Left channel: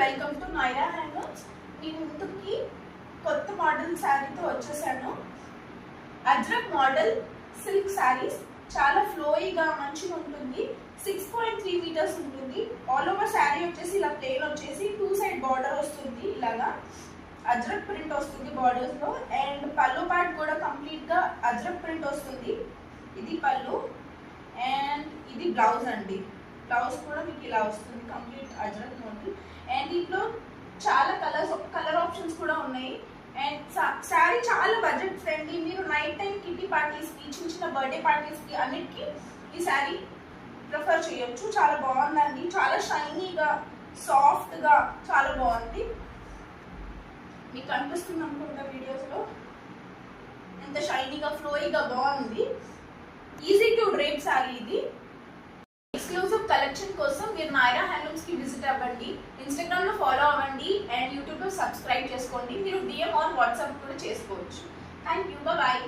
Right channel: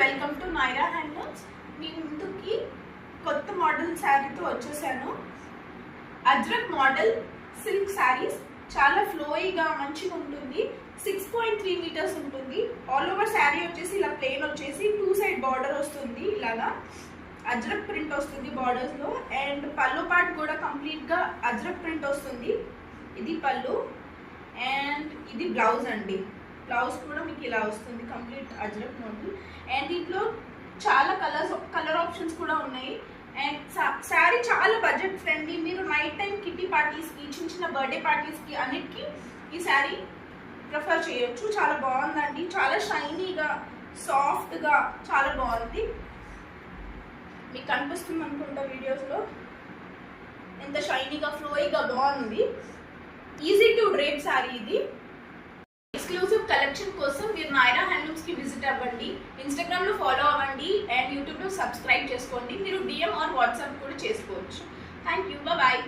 Welcome to Myra handlooms. మీ ముందుకి కొత్త మోడల్ శారీతో వచ్చేసాను. అజ్రక్ మోడల్ సిల్క్ శారీస్ చాలా ఫ్లోయిగా మంచిగా ఉంటుంది. 6.3 మీటర్స్ ఉంటుంది. ఆల్ ఓవర్ శారీ వచ్చేసి ఇలా ప్లెయిన్ వచ్చేసి 2 సైడ్ బార్డర్ వస్తుంది. ఇలాగా అజ్రక్ ప్రింట్ వస్తుంది బార్డర్స్ లో. అండ్ పళ్ళు పార్ట్ కూడా కంప్లీట్ గా అజ్రక్ ప్రింట్ వస్తుంది. ఇది పళ్ళు అండ్ ఇది బ్లౌజ్ అండి. బ్లౌజ్ కూడా మీకు ఇలా వస్తుంది కంప్లీట్ అజ్రక్ మోడల్. అండ్ దీంట్లో చాలా కలర్ ఆప్షన్స్ కూడా ఉన్నాయి. అండ్ శారీ చాలా బడ్జెట్ ఫ్రెండ్లీ. మీరు నైట్ టైం కిట్టి పార్టీస్ కి, చిన్న చిన్న బర్త్డే పార్టీస్ కి అన్నిటికీ ఈ శారీ ప్రిఫర్ చేయొచ్చు. చాలా బాగుందండి. చాలా షైనీగా, సాఫ్ట్ గా చాలా బాగుంది. మీకు కనిపిస్తుంది అనుకుంటా వీడియోస్ లో ఎంత షైనీగా, ఫ్లోయిగా బాగుంది. ఈజీ టు డ్రేప్ శారీ ఇది. ఎక్స్క్లూజివ్ కలెక్షన్ కోసం మీరు మైరా హ్యాండ్లూమ్స్ కి విజిట్ అవ్వండి. ఇన్స్టాగ్రామ్ లో ఫాలో అవ్వండి అండ్ యూట్యూబ్ లో సబ్స్క్రైబ్ చేసుకోండి. మీరు DM ఆర్ వాట్సాప్ కూడా చేసుకోవచ్చు. Thank you. బాయ్.